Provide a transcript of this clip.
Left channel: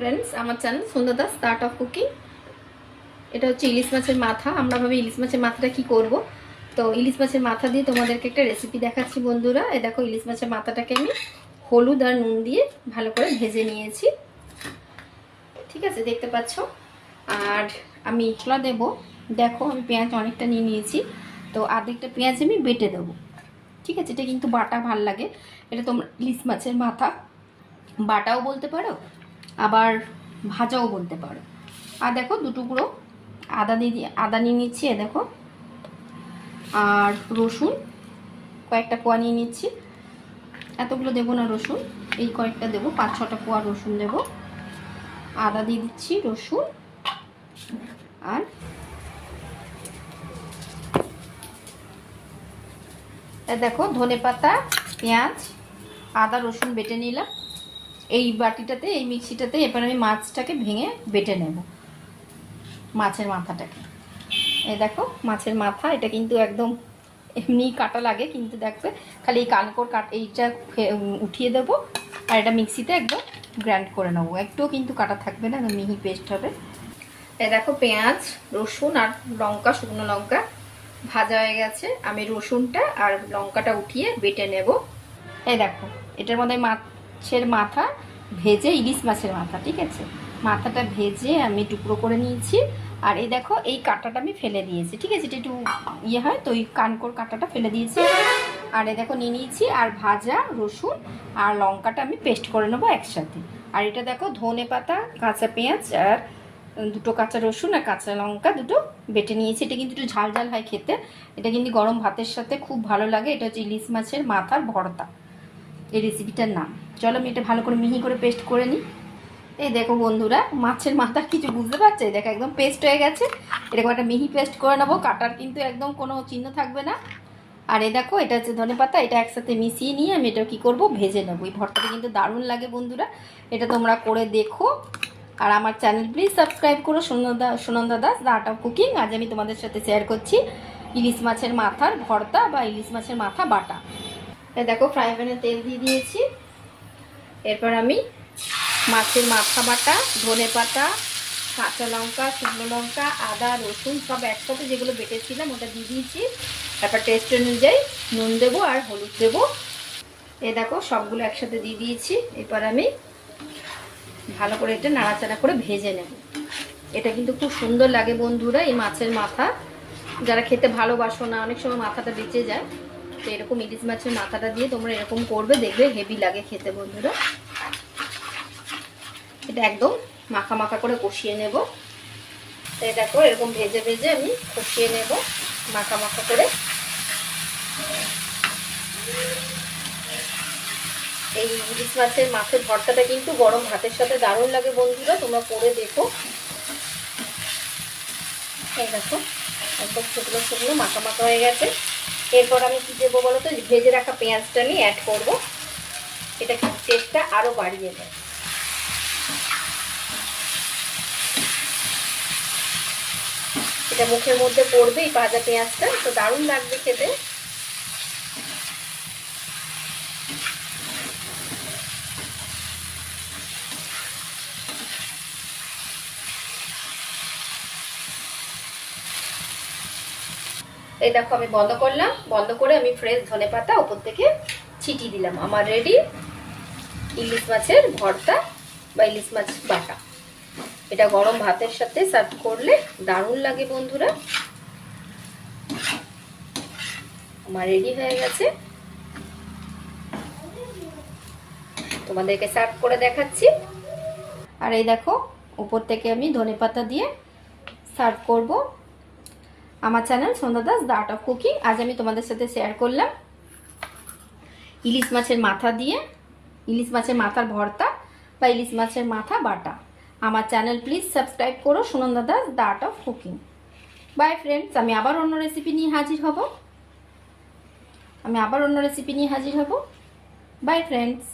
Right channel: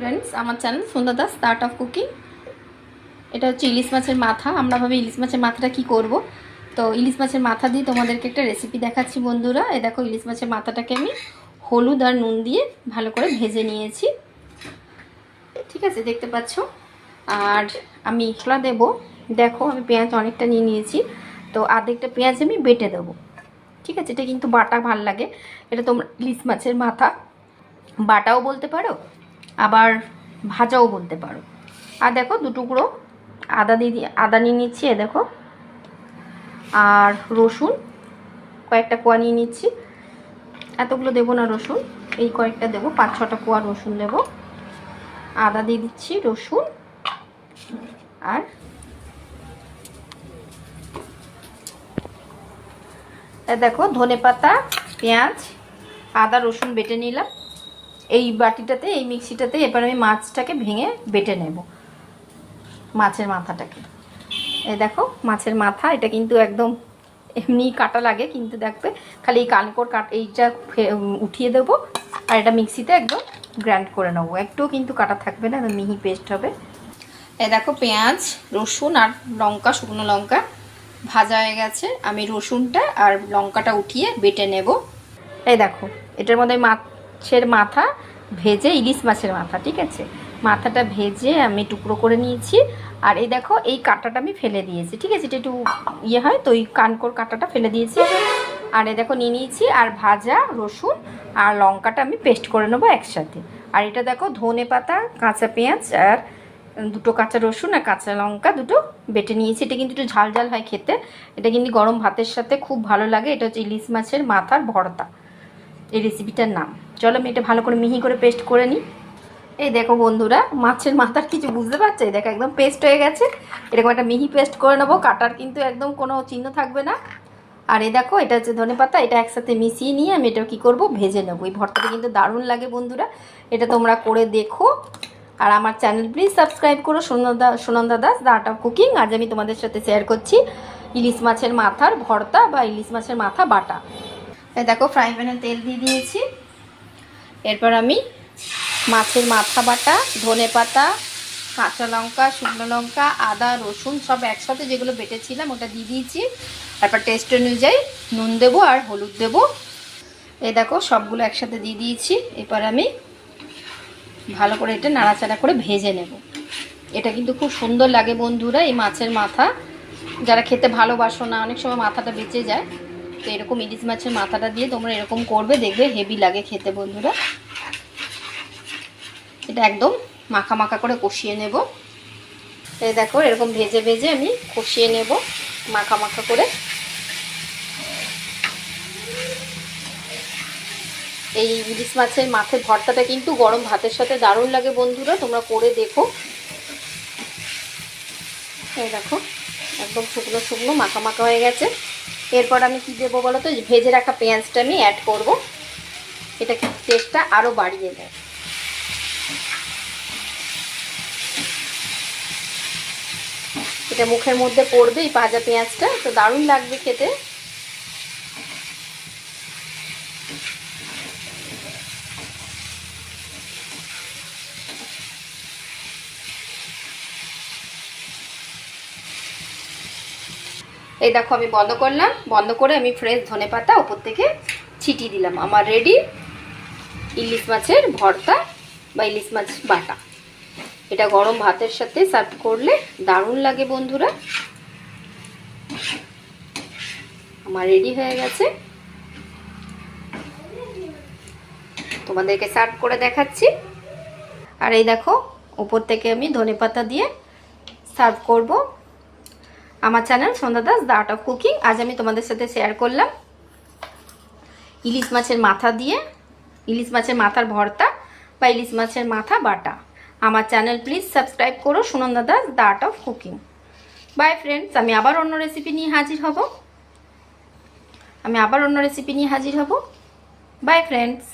Friends, আমার channel Sandhya Das art of cooking. এটা হচ্ছে ইলিশ মাছের মাথা। আমরা ভাবি ইলিশ মাছের মাথাটা কি করব, তো ইলিশ মাছের মাথা দিয়ে তোমাদেরকে একটা রেসিপি দেখাচ্ছি বন্ধুরা। এই দেখো, ইলিশ মাছের মাথাটাকে আমি হলুদ আর নুন দিয়ে ভালো করে ভেজে নিয়েছি, ঠিক আছে, দেখতে পাচ্ছ। আর আমি মশলা দেবো, দেখো আমি পেঁয়াজ অনেকটা নিয়ে নিয়েছি, তো আধেকটা পেঁয়াজ আমি বেটে দেবো, ঠিক আছে। এটা কিন্তু বাটা ভাল লাগে। এটা তোমরা ইলিশ মাছের মাথা বাটাও বলতে পারো, আবার ভাজাও বলতে পারো। আর দেখো, দুটুকরো আদা নিয়ে নিচ্ছি, এ দেখো। আর রসুন কয়েকটা কোয়া নিয়ে নিচ্ছি। এতগুলো দেবো না রসুন, এই কয়েকটা দেবো, 5-6টা কোয়া রসুন দেবো। আদা দিয়ে দিচ্ছি, রসুন, আর দেখো ধনেপাতা, পেঁয়াজ, আদা রসুন বেটে নিলাম এই বাটিটাতে, এই মিক্সিটাতে। এবার আমি মাছটাকে ভেঙে বেটে নেব, মাছের মাথাটাকে। এই দেখো মাছের মাথা, এটা কিন্তু একদম এমনি কাটা লাগে, কিন্তু দেখবে খালি এই কানকোর এইটা উঠিয়ে দেবো, আর এটা মিক্সিতে একদম গ্রাইন্ড করে নেবো। একটুও কিন্তু কাটা থাকবে না, মিহি পেস্ট হবে। এই দেখো পেঁয়াজ, রসুন আর লঙ্কা, শুকনো লঙ্কা ভাজা হয়ে গেছে। আমি রসুনটা আর লঙ্কাটা উঠিয়ে বেটে নেব। এই দেখো, এটার মধ্যে মাছের মাথা ভেজে, ইলিশ মাছের মাথা, ঠিক আছে, মাথাটা ভেজে আমি টুকরো করে নিয়েছি। আর এই দেখো, এই কাঁটাটা আমি ফেলে দিয়েছি, ঠিক আছে, এটা একটু ইয়ে হয় তো, ওই কানকোর কাঁটাটা ফেলে দিয়েছি। আর এই দেখো নিয়ে নিয়েছি, আর ভাজা রসুন আর লঙ্কাটা আমি পেস্ট করে নেবো একসাথে। আর এটা দেখো ধনে পাতা, কাঁচা পেঁয়াজ আর দুটো কাঁচা রসুন আর কাঁচা লঙ্কা দুটো বেটে নিয়েছি। এটা কিন্তু একটু ঝাল ঝাল হয় খেতে, এটা কিন্তু গরম ভাতের সাথে খুব ভালো লাগে। এটা হচ্ছে ইলিশ মাছের মাথার ভর্তা, এই রেসিপিটার নাম। চলো আমি এটা ভালো করে মিহি করে পেস্ট করে নিই। এই দেখো বন্ধুরা, মাছের মাথার কিছু বুঝতে পারছো? এই দেখো একদম পেস্ট হয়ে গেছে। এরকম একটা মিহি পেস্ট করে নেবো, কাটার কিন্তু একদম কোনো চিহ্ন থাকবে না। আর এই দেখো, এটা হচ্ছে ধনেপাতা, এটা একসাথে মিশিয়ে নিয়ে আমি এটা কী করবো, ভেজে নেবো। এই ভর্তাটা কিন্তু দারুণ লাগে বন্ধুরা, এটা তোমরা করে দেখো। আর আমার চ্যানেল প্লিজ সাবস্ক্রাইব করো, Sunanda Das the art of cooking. আজ আমি তোমাদের সাথে শেয়ার করছি ইলিশ মাছের মাথার ভর্তা বা ইলিশ মাছের মাথা বাটা। এই দেখো ফ্রাই প্যানে তেল দিয়ে দিয়েছি। এরপর আমি মাছের মাথা বাটা, ধনে পাতা, কাঁচা লঙ্কা, শুকনো লঙ্কা, আদা রসুন সব একসাথে যেগুলো বেটেছিলাম ওটা দিয়ে দিয়েছি। তারপর টেস্ট অনুযায়ী নুন দেবো আর হলুদ দেবো। এই দেখো সবগুলো একসাথে দিয়ে দিয়েছি। এরপর আমি ভালো করে এটা নাড়াচাড়া করে ভেজে নেব। এটা কিন্তু খুব সুন্দর লাগে বন্ধুরা, এই মাছের মাথা। যারা খেতে ভালোবাসো না, অনেক সময় মাথাটা বেঁচে যায়, তো এরকম ইলিশ মাছের মাথাটা দিয়ে তোমরা এরকম করবে, দেখবে হেভি লাগে খেতে বন্ধুরা। এটা একদম মাখা মাখা করে কষিয়ে নেব। এই দেখো এরকম ভেজে ভেজে আমি কষিয়ে নেব মাখা মাখা করে। এই ইলিশ মাছের মাছের ভর্তাটা কিন্তু গরম ভাতের সাথে দারুণ লাগে বন্ধুরা, তোমরা করে দেখো। এই দেখো একদম শুকনো শুকনো মাখা মাখা হয়ে গেছে। এরপর আমি কি দেবো বলো তো, ভেজে রাখা পেঁয়াজটা আমি অ্যাড করব। এটা টেস্টটা আরও বাড়িয়ে দেয়। এটা মুখের মধ্যে পড়বে এই ভাজা পেঁয়াজটা, তো দারুণ লাগবে খেতে। এই দেখো আমি বন্ধ করলাম, বন্ধ করে আমি ফ্রেশ ধনেপাতা ওপর থেকে ছিটিয়ে দিলাম। আমার রেডি ইলিশ মাছের ভর্তা বা ইলিশ মাছ বাটা। এটা গরম ভাতের সাথে সার্ভ করলে দারুণ লাগে বন্ধুরা। আমার রেডি হয়ে গেছে, তোমাদেরকে সার্ভ করে দেখাচ্ছি। আর এই দেখো উপর থেকে আমি ধনেপাতা দিয়ে সার্ভ করব। আমার channel Sandhya Das the art of cooking. আজ আমি তোমাদের সাথে শেয়ার করলাম ইলিশ মাছের মাথা দিয়ে ইলিশ মাছের মাথার ভর্তা বা ইলিশ মাছের মাথা বাটা। আমার চ্যানেল প্লিজ সাবস্ক্রাইব করো, Sunanda Das the art of cooking. By friends, আমি আবার অন্য রেসিপি নিয়ে হাজির হব। By friends.